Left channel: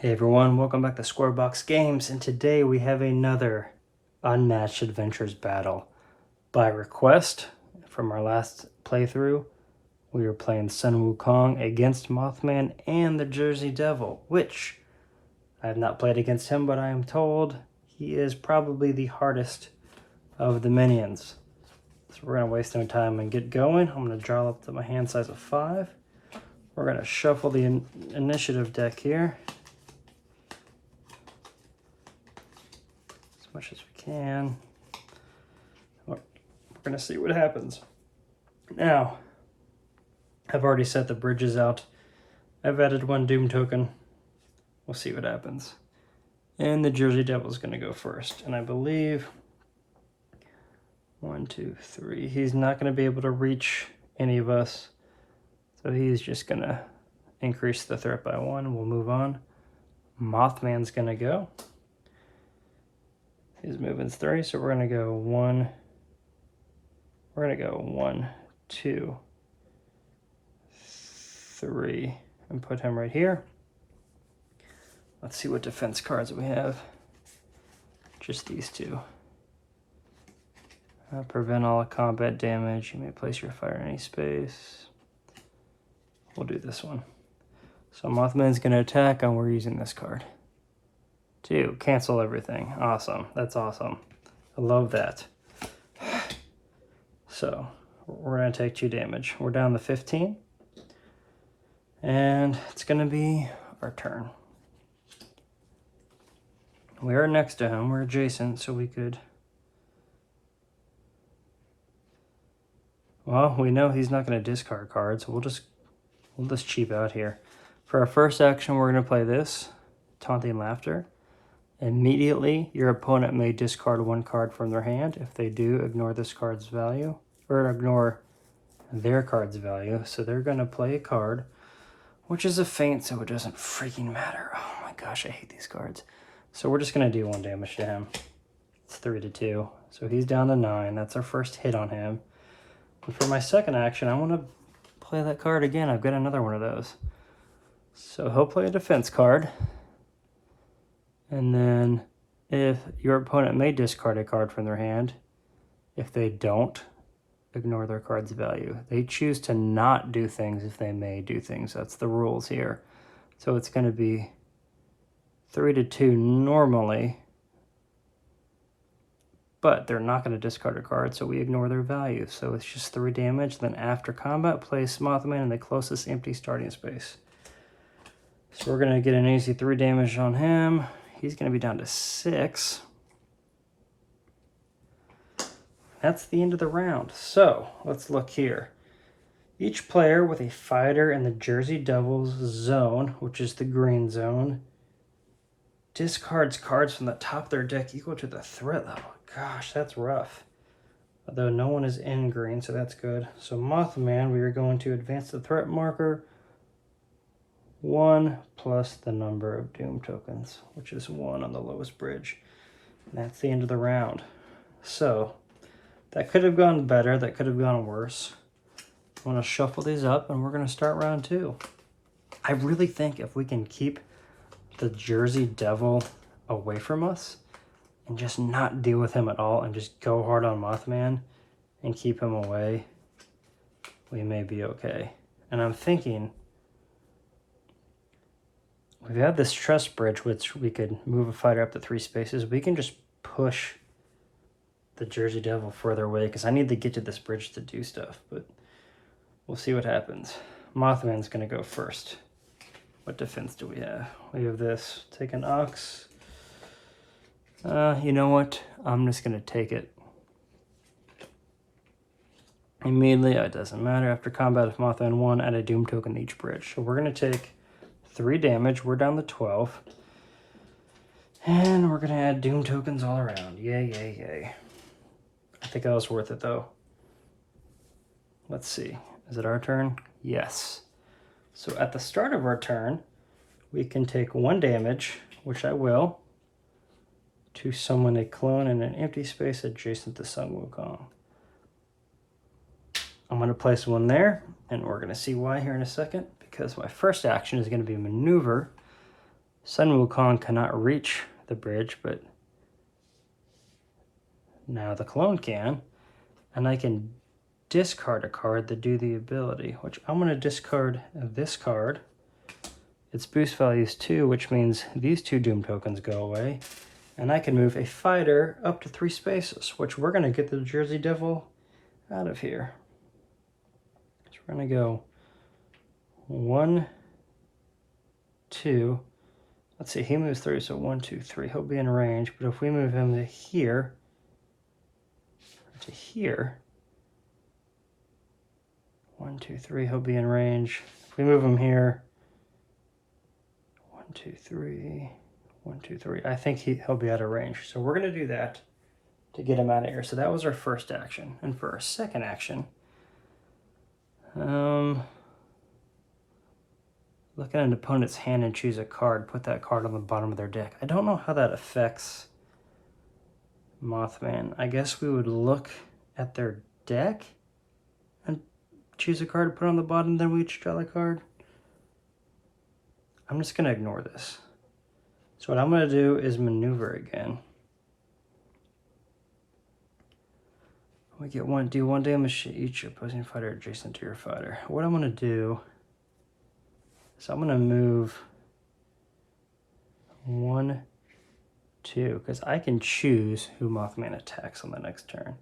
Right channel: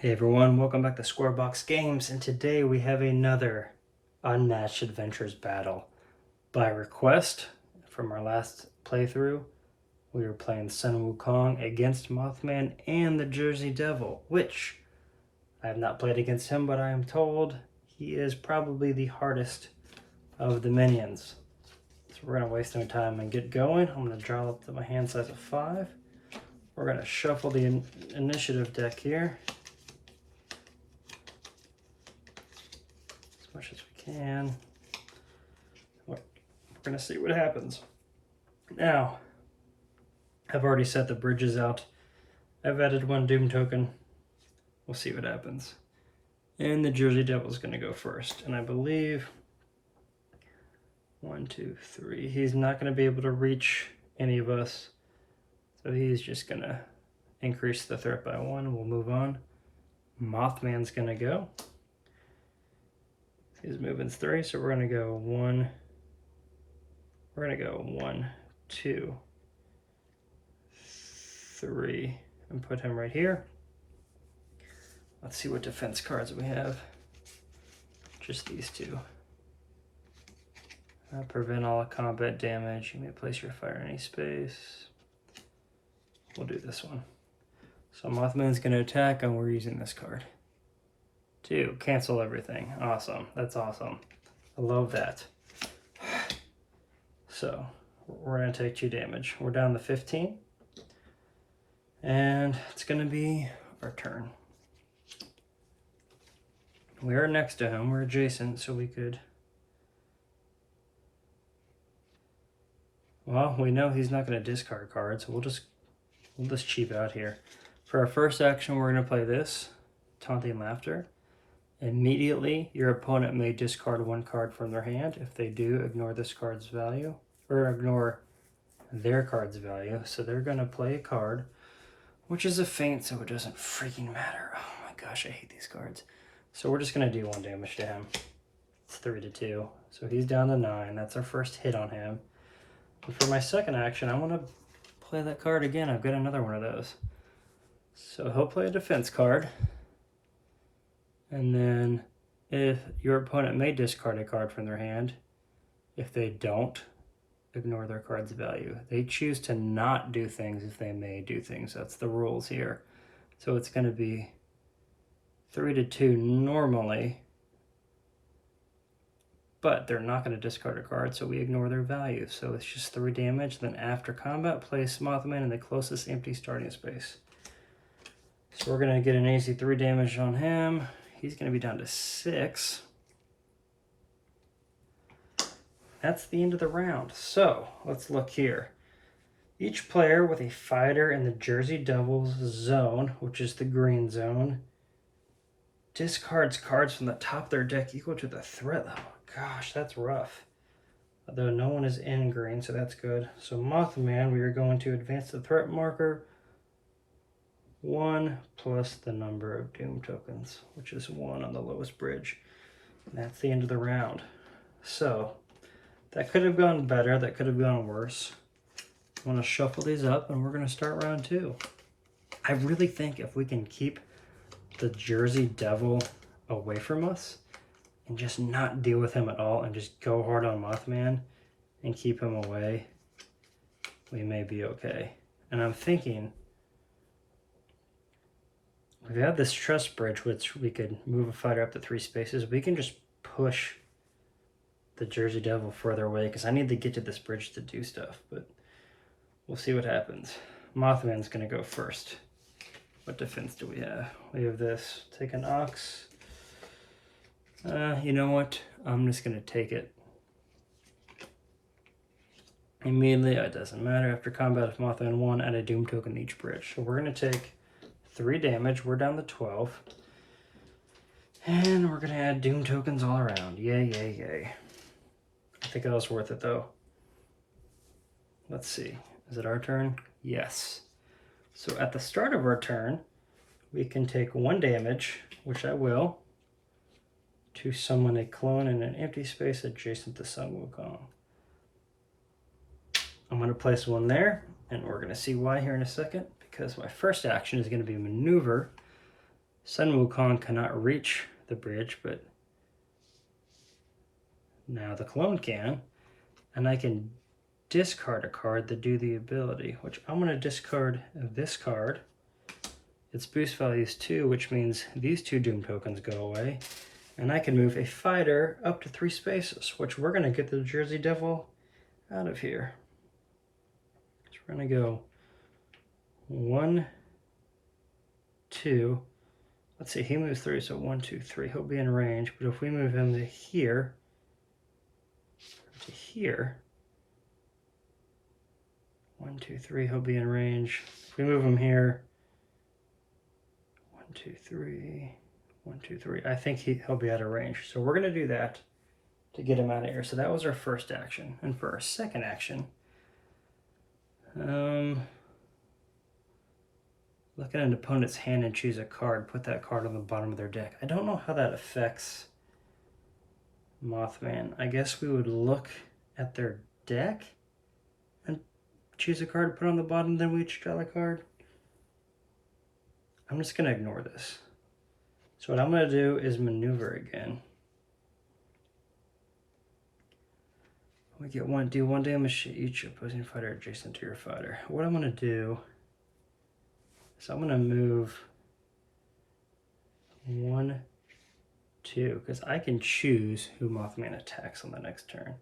Hey everyone, welcome back to Squarebox Games, and today we have another Unmatched Adventures battle. By request, from our last playthrough, we were playing Sun Wukong against Mothman and the Jersey Devil, which I have not played against him, but I am told he is probably the hardest of the minions. So we're going to waste no time and get going. I'm going to draw up to my hand size of 5. We're going to shuffle the initiative deck here as much as we can. We're going to see what happens. Now, I've already set the bridges out. I've added 1 Doom token. We'll see what happens. And the Jersey Devil's going to go first. And I believe 1, 2, 3. He's not going to be able to reach any of us. So he's just going to increase the threat by 1. We'll move on. Mothman's going to go. His movement's 3, so we're going to go 1. We're going to go 1, 2, 3, and put him right here. Let's see what defense cards we have. Just these 2. Prevent all combat damage. You may place your fire in any space. We'll do this one. So Mothman's going to attack, and we're using this card. 2, cancel everything. Awesome. That's awesome. I love that. So we're going to take 2 damage. We're down to 15. And it's going to be our turn. We are next to him. We're adjacent, so we could... Well, we know he's not going to discard cards, so we'll just cheap out here. For our first action, we're going to play this, Taunting Laughter. Immediately, your opponent may discard 1 card from their hand. If they do, ignore this card's value, or ignore their card's value. So they're going to play a card, which is a feint, so it doesn't freaking matter. Oh my gosh, I hate these cards. So we're just going to do 1 damage to him. It's 3-2. So he's down to 9. That's our first hit on him. And for my second action, I want to play that card again. I've got another one of those. So he'll play a defense card. And then if your opponent may discard a card from their hand, if they don't, ignore their card's value. They choose to not do things if they may do things. That's the rules here. So it's going to be 3-2 normally, but they're not going to discard a card, so we ignore their value. So it's just 3 damage. Then after combat, place Mothman in the closest empty starting space. So we're going to get an easy 3 damage on him. He's going to be down to 6. That's the end of the round. So let's look here. Each player with a fighter in the Jersey Devil's zone, which is the green zone, discards cards from the top of their deck equal to the threat level. Gosh, that's rough. Although no one is in green, so that's good. So Mothman, we are going to advance the threat marker 1 plus the number of Doom tokens, which is 1 on the lowest bridge. And that's the end of the round. So that could have gone better. That could have gone worse. I want to shuffle these up, and we're going to start round 2. I really think if we can keep the Jersey Devil away from us and just not deal with him at all and just go hard on Mothman and keep him away, we may be okay. And I'm thinking, we have this trust bridge, which we could move a fighter up to 3 spaces. We can just push the Jersey Devil further away, because I need to get to this bridge to do stuff, but we'll see what happens. Mothman's going to go first. What defense do we have? We have this. Take an Ox. You know what? I'm just going to take it. Immediately, it doesn't matter. After combat, if Mothman 1, add a Doom token to each bridge. So we're going to take 3 damage. We're down to 12. And we're going to add Doom tokens all around. Yay, yay, yay. I think that was worth it, though. Let's see. Is it our turn? Yes. So at the start of our turn, we can take 1 damage, which I will, to summon a clone in an empty space adjacent to Sun Wukong. I'm going to place 1 there, and we're going to see why here in a second, because my first action is going to be a maneuver Sun Wukong cannot reach the bridge, but now the clone can. And I can discard a card to do the ability, which I'm going to discard this card. Its boost value is 2, which means these 2 Doom tokens go away. And I can move a fighter up to 3 spaces, which we're going to get the Jersey Devil out of here. So we're going to go 1, 2. Let's see, he moves 3, so 1, 2, 3. He'll be in range, but if we move him to here, here, 1, 2, 3, he'll be in range. If we move him here, 1, 2, 3, 1, 2, 3, I think he'll be out of range. So we're going to do that to get him out of here. So that was our first action. And for our second action, look at an opponent's hand and choose a card. Put that card on the bottom of their deck. I don't know how that affects Mothman. I guess we would look at their deck and choose a card to put on the bottom, then we each draw the card. I'm just going to ignore this. So what I'm going to do is maneuver again. We get do 1 damage to each opposing fighter adjacent to your fighter. What I'm going to do is I'm going to move 1, 2, because I can choose who Mothman attacks on the next turn.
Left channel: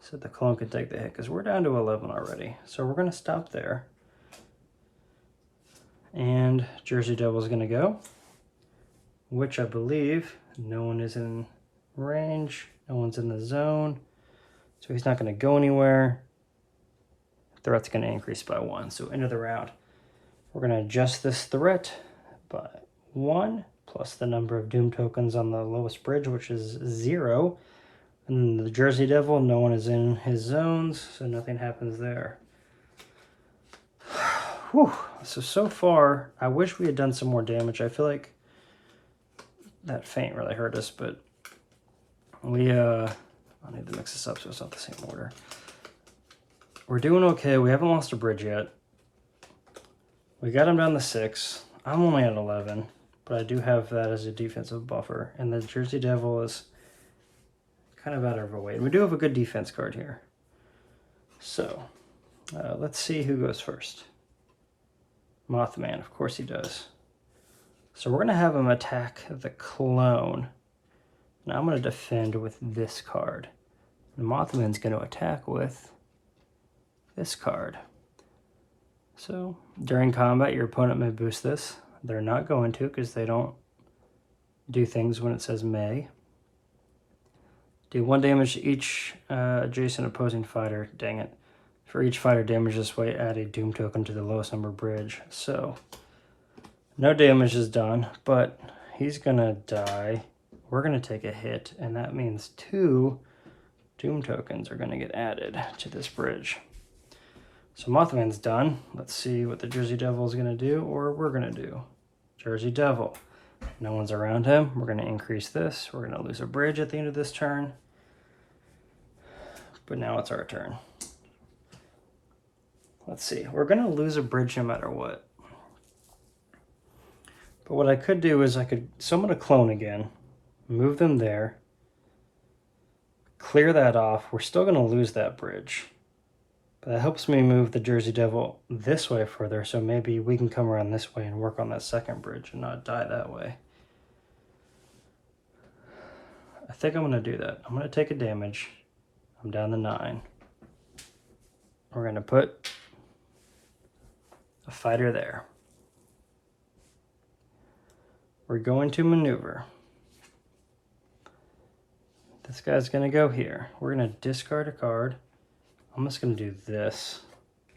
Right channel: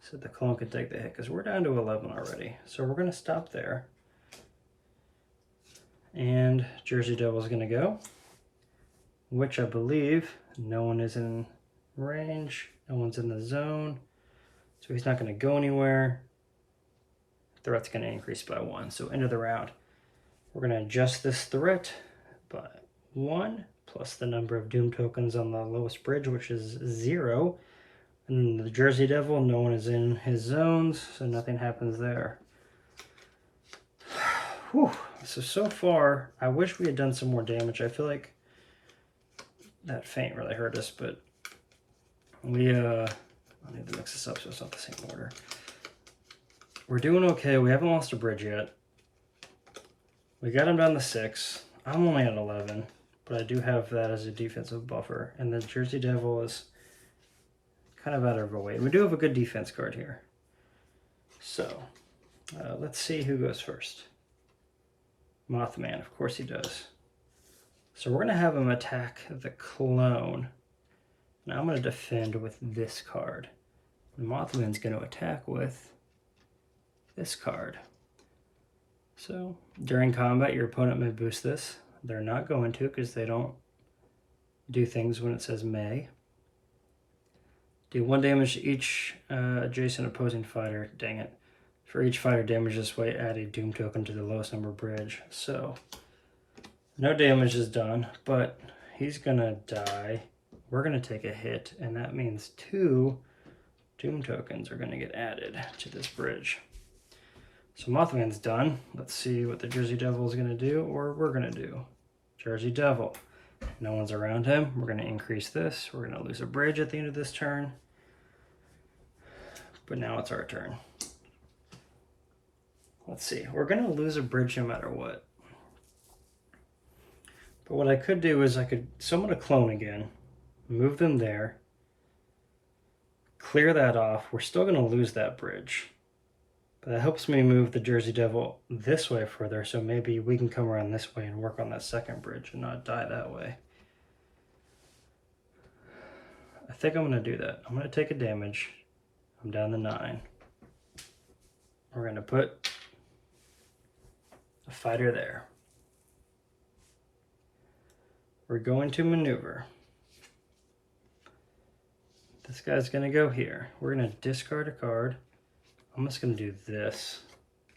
So the clone can take the hit, because we're down to 11 already. So we're going to stop there. And Jersey Devil is going to go, which I believe no one is in range, no one's in the zone, so he's not going to go anywhere. Threat's going to increase by 1, so end of the round. We're going to adjust this threat by 1, plus the number of Doom tokens on the lowest bridge, which is 0. And the Jersey Devil, no one is in his zones, so nothing happens there. Whew. So far, I wish we had done some more damage. I feel like that feint really hurt us, but we, I need to mix this up so it's not the same order. We're doing okay. We haven't lost a bridge yet. We got him down to 6. I'm only at 11, but I do have that as a defensive buffer. And the Jersey Devil is kind of out of our way. We do have a good defense card here. So, let's see who goes first. Mothman, of course he does. So we're going to have him attack the clone. Now I'm going to defend with this card. The Mothman's going to attack with this card. So during combat, your opponent may boost this. They're not going to, because they don't do things when it says may. Do 1 damage to each adjacent opposing fighter. Dang it. For each fighter damage this way, add a Doom token to the lowest number bridge. So no damage is done, but he's going to die. We're going to take a hit, and that means 2 Doom tokens are going to get added to this bridge. So Mothman's done. Let's see what the Jersey Devil is going to do, or we're going to do. Jersey Devil. No one's around him. We're going to increase this. We're going to lose a bridge at the end of this turn. But now it's our turn. Let's see. We're going to lose a bridge no matter what. But what I could do is summon a clone again, move them there, clear that off. We're still going to lose that bridge. But that helps me move the Jersey Devil this way further, so maybe we can come around this way and work on that second bridge and not die that way. I think I'm going to do that. I'm going to take a damage. I'm down to 9. We're going to put a fighter there. We're going to maneuver. This guy's going to go here. We're going to discard a card. I'm just going to do this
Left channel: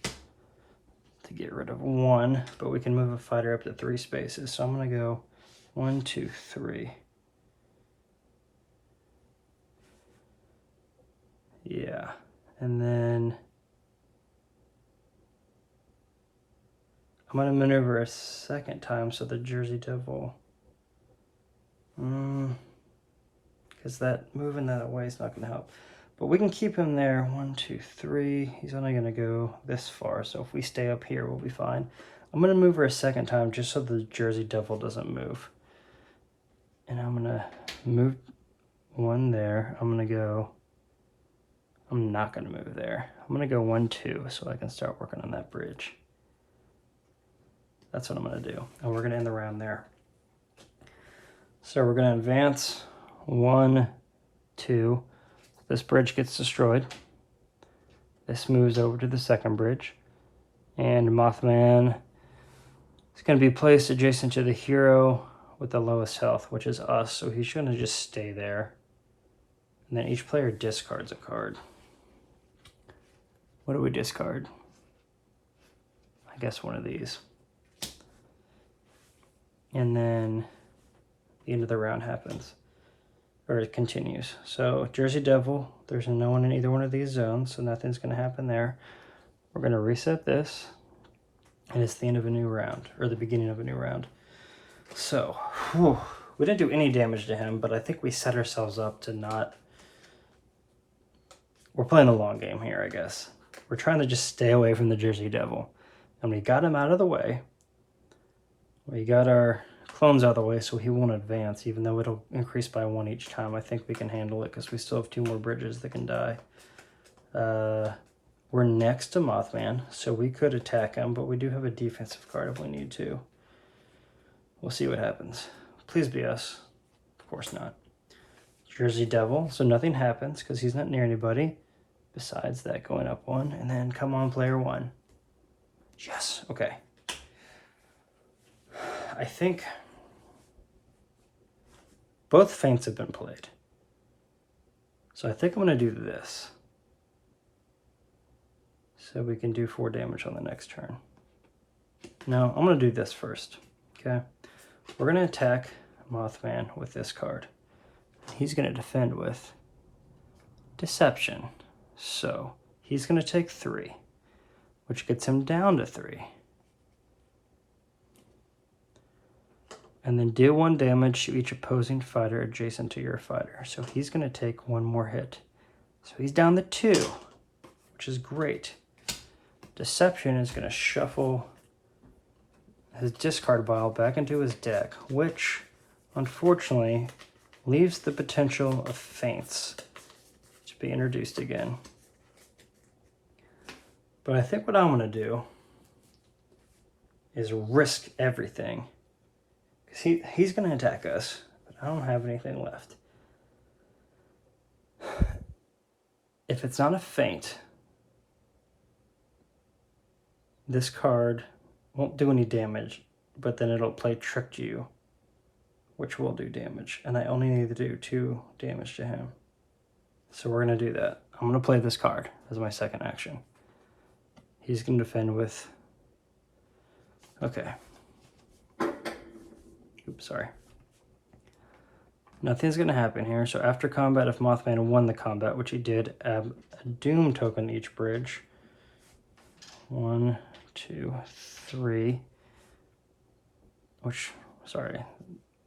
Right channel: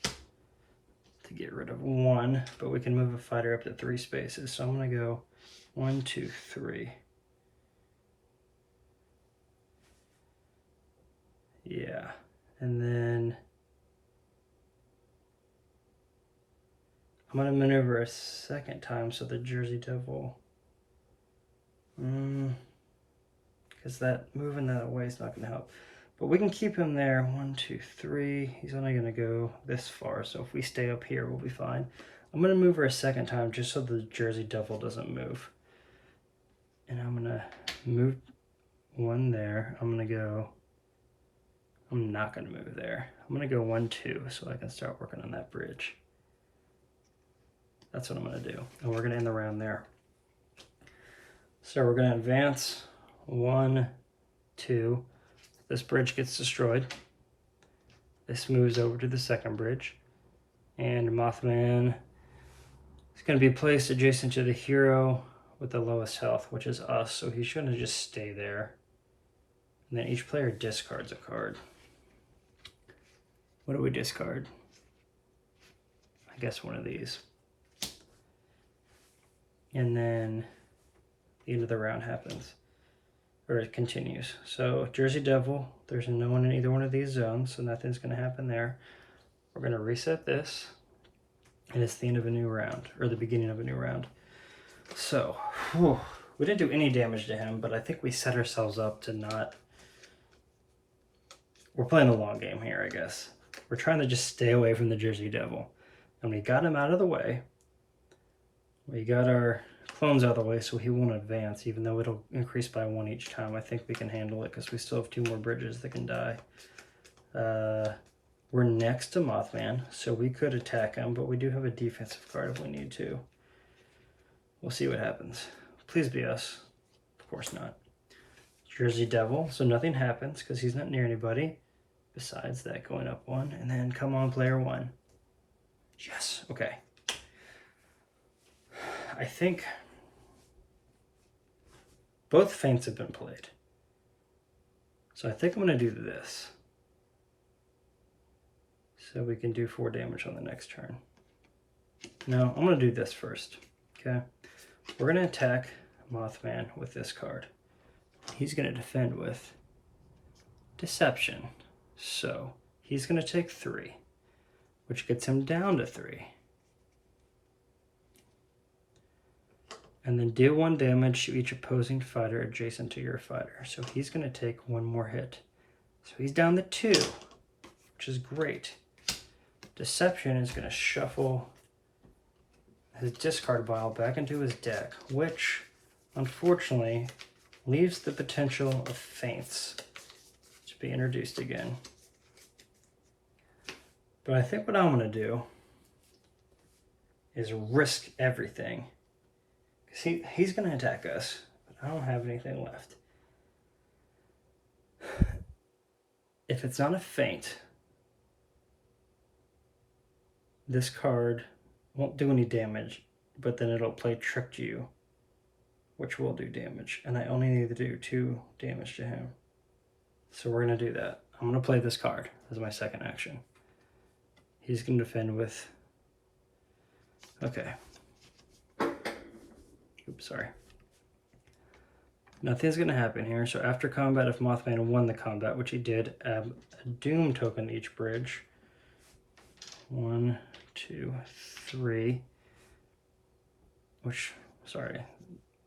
to get rid of 1, but we can move a fighter up to 3 spaces. So I'm going to go 1, 2, 3. Yeah, and then I'm going to maneuver a second time so the Jersey Devil, because that moving that away is not going to help. But we can keep him there. 1, 2, 3. He's only going to go this far, so if we stay up here, we'll be fine. I'm going to move her a second time just so the Jersey Devil doesn't move. And I'm going to move one there. I'm not going to move there. I'm going to go 1, 2 so I can start working on that bridge. That's what I'm going to do. And we're going to end the round there. So we're going to advance 1, 2. This bridge gets destroyed. This moves over to the second bridge. And Mothman is going to be placed adjacent to the hero with the lowest health, which is us. So he's going to just stay there. And then each player discards a card. What do we discard? I guess one of these. And then the end of the round happens. Or it continues. So Jersey Devil, there's no one in either one of these zones, so nothing's going to happen there. We're going to reset this. And it's the end of a new round, or the beginning of a new round. So, we didn't do any damage to him, but I think we set ourselves up to not... We're playing a long game here, I guess. We're trying to just stay away from the Jersey Devil. And we got him out of the way. We got our clones out of the way so he won't advance, even though it'll increase by 1 each time. I think we can handle it because we still have 2 more bridges that can die. We're next to Mothman, so we could attack him, but we do have a defensive card if we need to. We'll see what happens. Please be us. Of course not. Jersey Devil, so nothing happens because he's not near anybody. Besides that, going up 1, and then come on, player 1. Yes, okay. I think both feints have been played. So I think I'm going to do this. So we can do 4 damage on the next turn. No, I'm going to do this first. Okay. We're going to attack Mothman with this card. He's going to defend with Deception. So he's going to take 3, which gets him down to 3. And then deal 1 damage to each opposing fighter adjacent to your fighter. So he's going to take 1 more hit. So he's down to 2, which is great. Deception is going to shuffle his discard pile back into his deck, which unfortunately leaves the potential of feints to be introduced again. But I think what I'm going to do is risk everything. He's going to attack us, but I don't have anything left. If it's not a feint, this card won't do any damage, but then it'll play Tricked You, which will do damage. And I only need to do 2 damage to him. So we're going to do that. I'm going to play this card as my second action. He's going to defend with... Okay. Oops, sorry. Nothing's going to happen here. So after combat, if Mothman won the combat, which he did, add a Doom token to each bridge. 1, 2, 3. Which, sorry,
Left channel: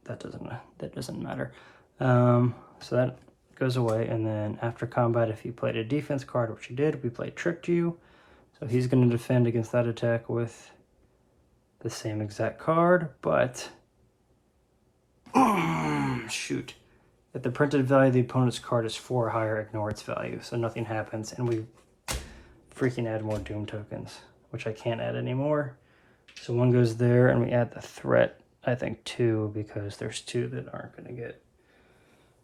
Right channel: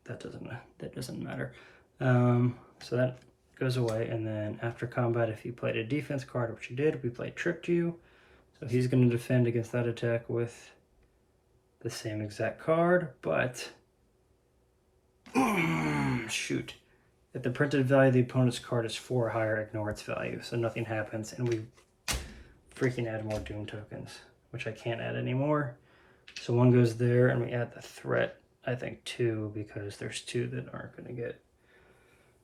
that doesn't matter. So that goes away. And then after combat, if he played a defense card, which he did, we played Tricked You. So he's going to defend against that attack with the same exact card, but... shoot. If the printed value of the opponent's card is 4 or higher, ignore its value. So nothing happens, and we freaking add more Doom tokens, which I can't add anymore. So 1 goes there, and we add the threat, I think 2, because there's 2 that aren't going to get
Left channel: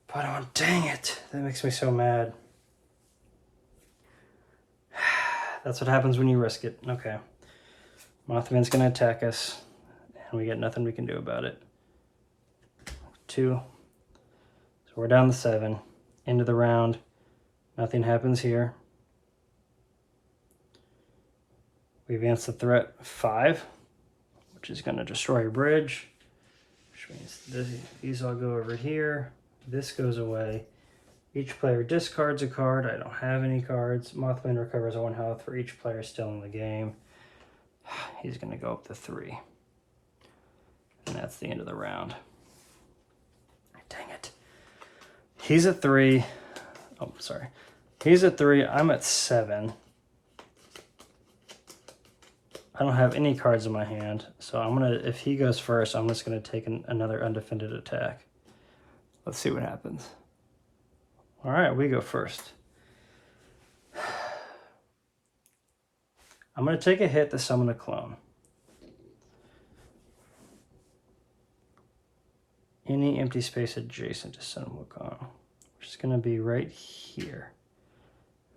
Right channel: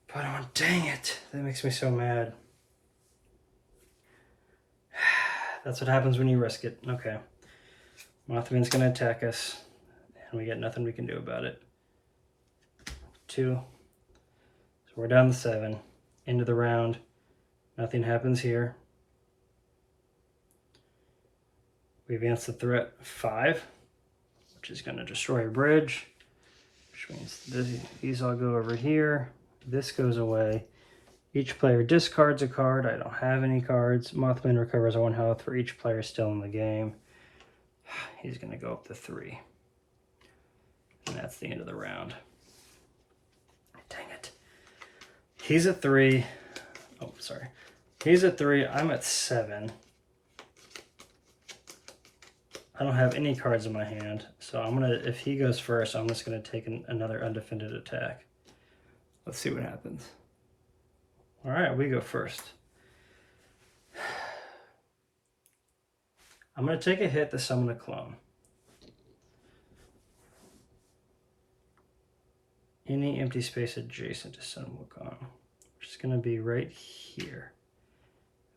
put on. Dang it. That makes me so mad. That's what happens when you risk it. Okay. Mothman's going to attack us, and we get nothing we can do about it. 2. So we're down to 7. End of the round. Nothing happens here. We advance the threat 5, which is going to destroy a bridge, which means these all go over here. This goes away. Each player discards a card. I don't have any cards. Mothman recovers 1 health for each player still in the game. He's going to go up to 3. And that's the end of the round. Dang it. He's at 3. Oh, sorry. He's at 3. I'm at 7. I don't have any cards in my hand. So I'm going to, if he goes first, I'm just going to take another undefended attack. Let's see what happens. All right, we go first. I'm going to take a hit to summon a clone. Any empty space adjacent to summon Wukong, which is going to be right here.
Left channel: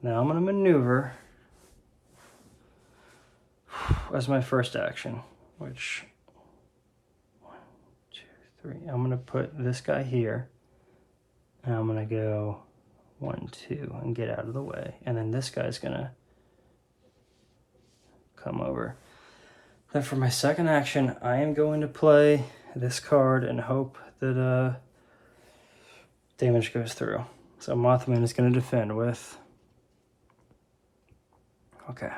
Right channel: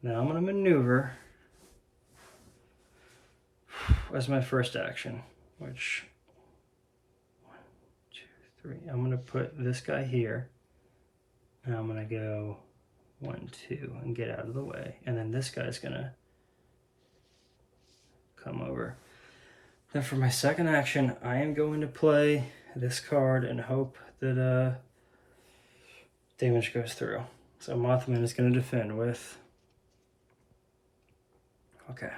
Now I'm going to maneuver as my first action, which 1, 2, 3. I'm going to put this guy here, and I'm going to go 1, 2, and get out of the way, and then this guy's going to come over. Then for my second action, I am going to play this card and hope that damage goes through. So Mothman is going to defend with... Okay.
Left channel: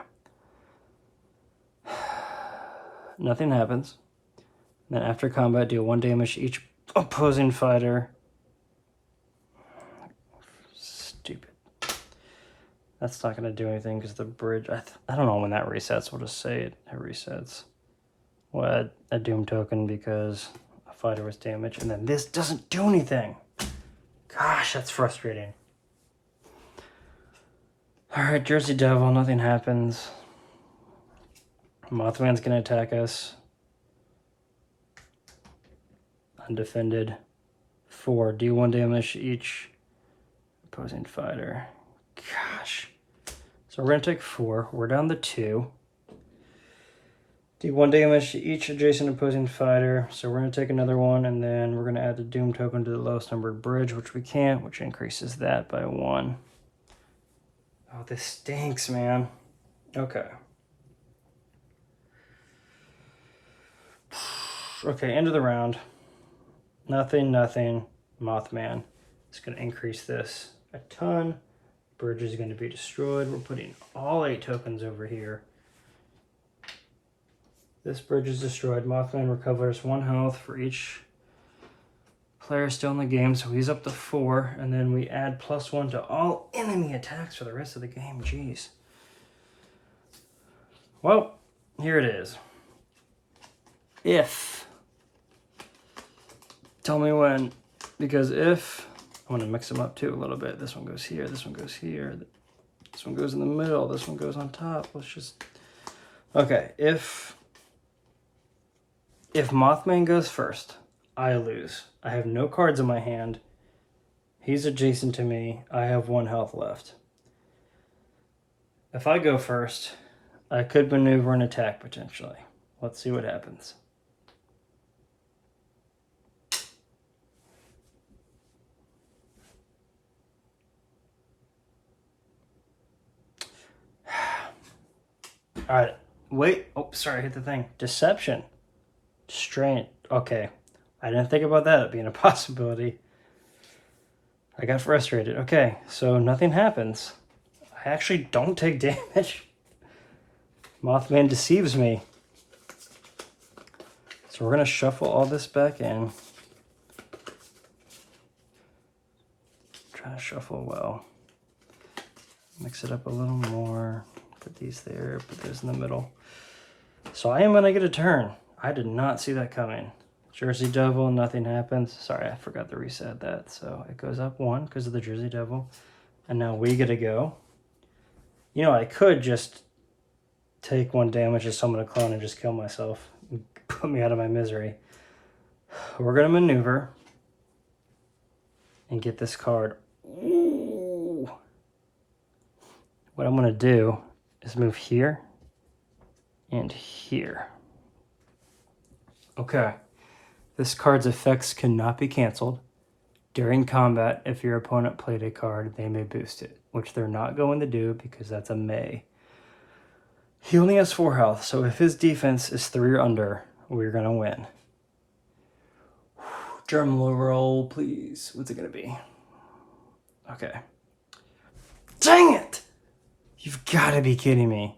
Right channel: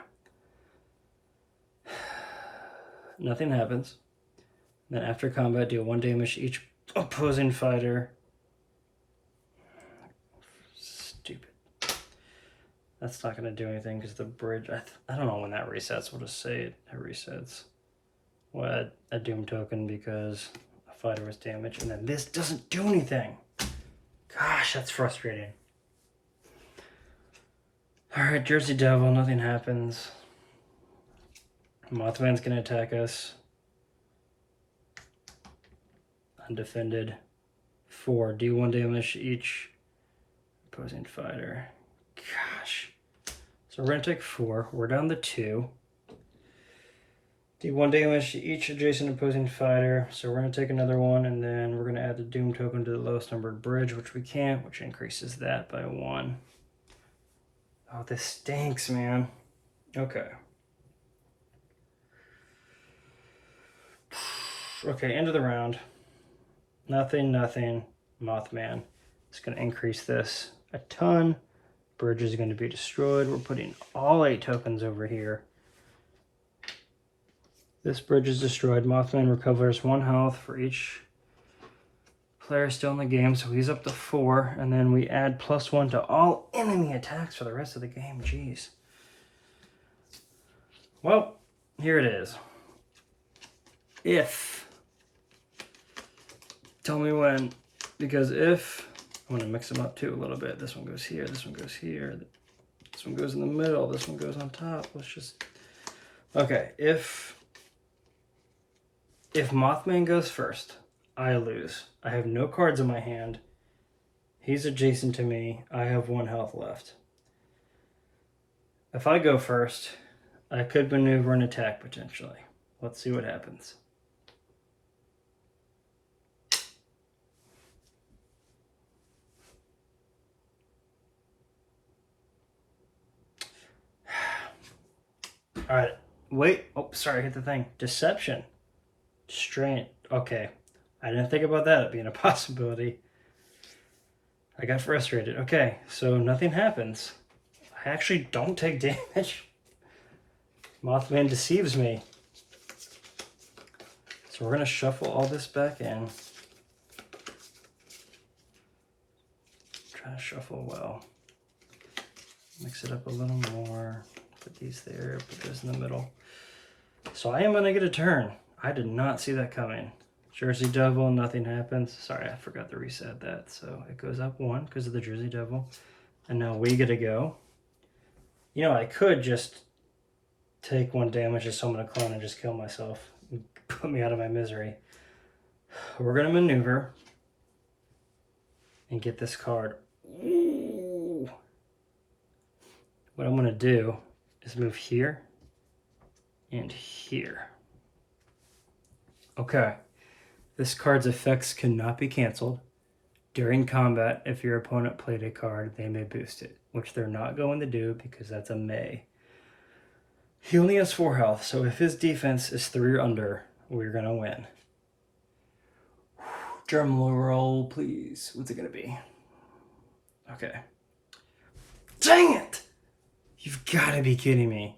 Nothing happens. Then after combat, deal 1 damage to each opposing fighter. Stupid. That's not going to do anything because the bridge... I don't know when that resets. We'll just say it resets. We'll add a Doom token because a fighter was damaged. And then this doesn't do anything. Gosh, that's frustrating. Alright, Jersey Devil, nothing happens. Mothman's gonna attack us. Undefended. 4, D1 damage to each opposing fighter. Gosh. So we're gonna take 4. We're down to 2. D1 damage to each adjacent opposing fighter. So we're gonna take another one, and then we're gonna add the Doom token to the lowest numbered bridge, which we can't, which increases that by 1. Oh, this stinks, man. Okay. Okay, end of the round. Nothing, nothing. Mothman. It's going to increase this a ton. Bridge is going to be destroyed. We're putting all 8 tokens over here. This bridge is destroyed. Mothman recovers 1 health for each player still in the game, so he's up to 4, and then we add +1 to all enemy attacks for the rest of the game. Jeez. Well, here it is. If. Tell me when, because if, I want to mix them up too a little bit. This one goes here, this one goes here, this one goes in the middle, this one goes on top. Let's just, okay, if Mothman goes first, I lose. I have no cards in my hand. He's adjacent to me. I have 1 health left. If I go first, I could maneuver an attack potentially. Let's see what happens. All right, wait. Oh, sorry, I hit the thing. Deception. Strain. Okay. I didn't think about that being a possibility. I got frustrated. Okay, so nothing happens. I actually don't take damage. Mothman deceives me. So we're going to shuffle all this back in. Try to shuffle well. Mix it up a little more. Put these there, put those in the middle. So I am going to get a turn. I did not see that coming. Jersey Devil, nothing happens. Sorry, I forgot to reset that. So it goes up 1 because of the Jersey Devil. And now we get to go. You know, I could just take 1 damage to summon a clone and just kill myself. And put me out of my misery. We're going to maneuver and get this card. Ooh. What I'm going to do is move here and here. Okay. This card's effects cannot be canceled. During combat, if your opponent played a card, they may boost it, which they're not going to do because that's a may. He only has 4 health, so if his defense is 3 or under, we're going to win. Drum roll, please. What's it going to be? Okay. Dang it! You've got to be kidding me.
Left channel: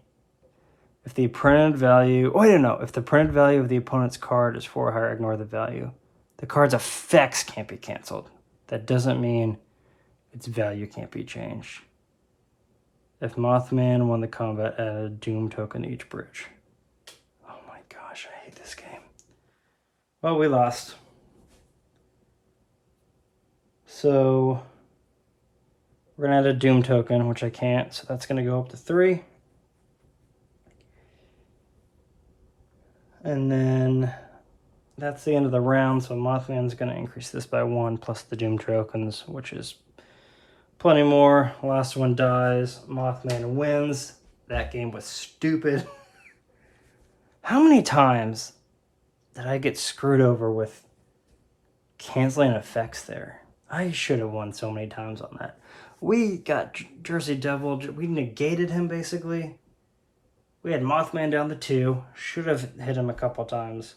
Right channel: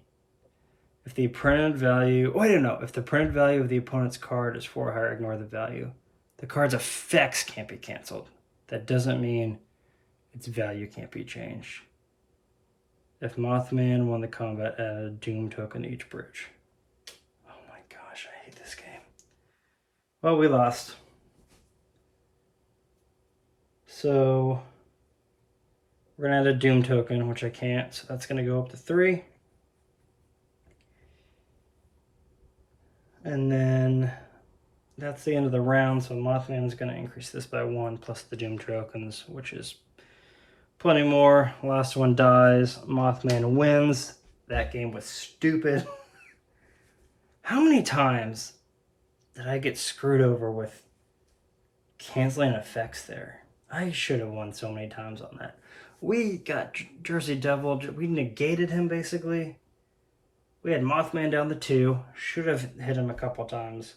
If the printed value... Oh, I don't know. If the printed value of the opponent's card is 4 or higher, ignore the value. The card's effects can't be canceled. That doesn't mean its value can't be changed. If Mothman won the combat, add a Doom token to each bridge. Oh my gosh, I hate this game. Well, we lost. So we're going to add a Doom token, which I can't. So that's going to go up to 3. And then that's the end of the round. So Mothman's going to increase this by 1 plus the Doom tokens, which is plenty more. Last one dies. Mothman wins. That game was stupid. How many times did I get screwed over with canceling effects there? I should have won so many times on that. We got Jersey Devil. We negated him, basically. We had Mothman down to 2. Should have hit him a couple times.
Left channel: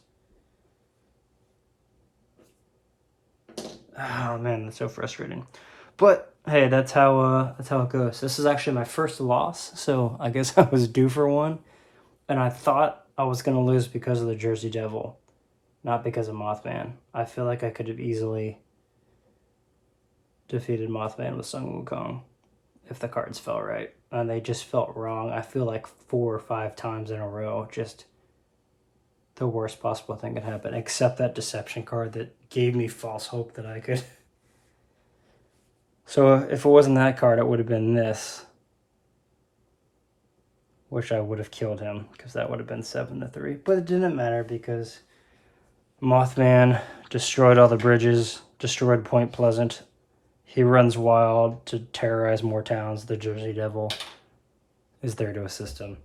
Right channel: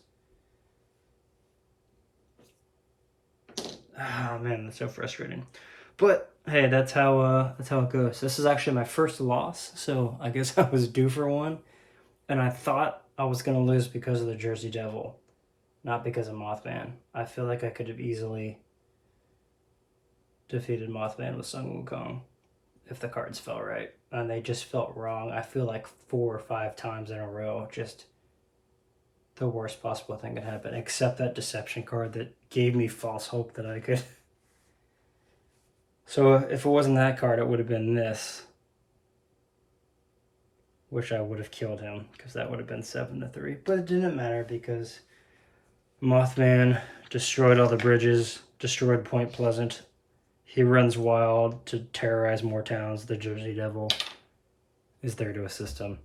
Oh, man, that's so frustrating. But, hey, that's how it goes. This is actually my first loss, so I guess I was due for one. And I thought I was going to lose because of the Jersey Devil, not because of Mothman. I feel like I could have easily defeated Mothman with Sun Wukong if the cards fell right. And they just felt wrong. I feel like 4 or 5 times in a row, just the worst possible thing could happen, except that deception card that gave me false hope that I could. So if it wasn't that card, it would have been this, which I would have killed him, because that would have been 7 to 3. But it didn't matter because Mothman destroyed all the bridges, destroyed Point Pleasant. He runs wild to terrorize more towns. The Jersey Devil is there to assist him.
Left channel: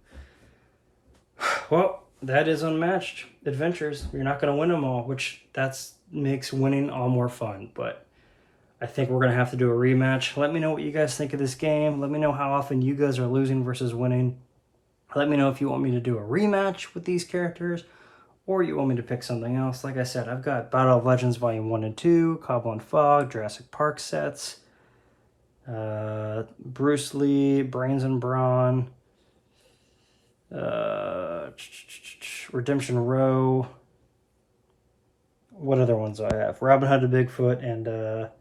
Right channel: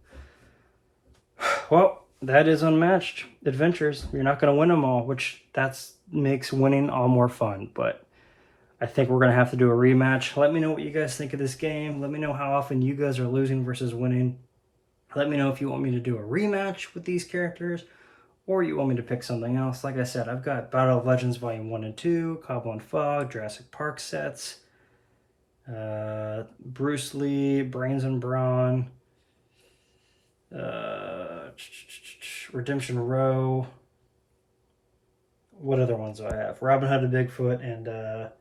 Well, that is Unmatched Adventures. You're not going to win them all, which makes winning all more fun. But I think we're going to have to do a rematch. Let me know what you guys think of this game. Let me know how often you guys are losing versus winning. Let me know if you want me to do a rematch with these characters, or you want me to pick something else. Like I said, I've got Battle of Legends Volume 1 and 2, Cobble and Fog, Jurassic Park sets, Bruce Lee, Brains and Brawn, Redemption Row. What other ones do I have? Robin Hood and Bigfoot, and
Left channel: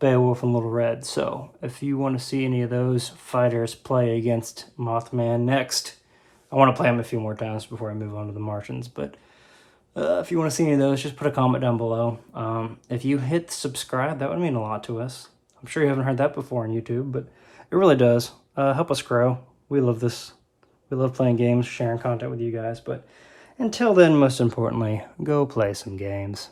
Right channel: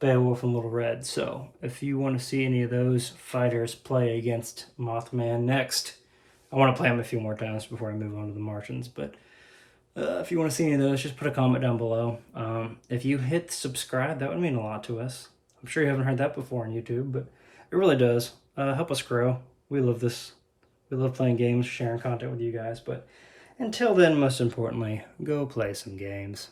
Beowulf and Little Red. So if you want to see any of those fighters play against Mothman next, I want to play them a few more times before I move on to the Martians, but if you want to see any of those, just put a comment down below. If you hit subscribe, that would mean a lot to us. I'm sure you haven't heard that before on YouTube, but it really does. Help us grow. We love this. We love playing games, sharing content with you guys, but until then, most importantly, go play some games.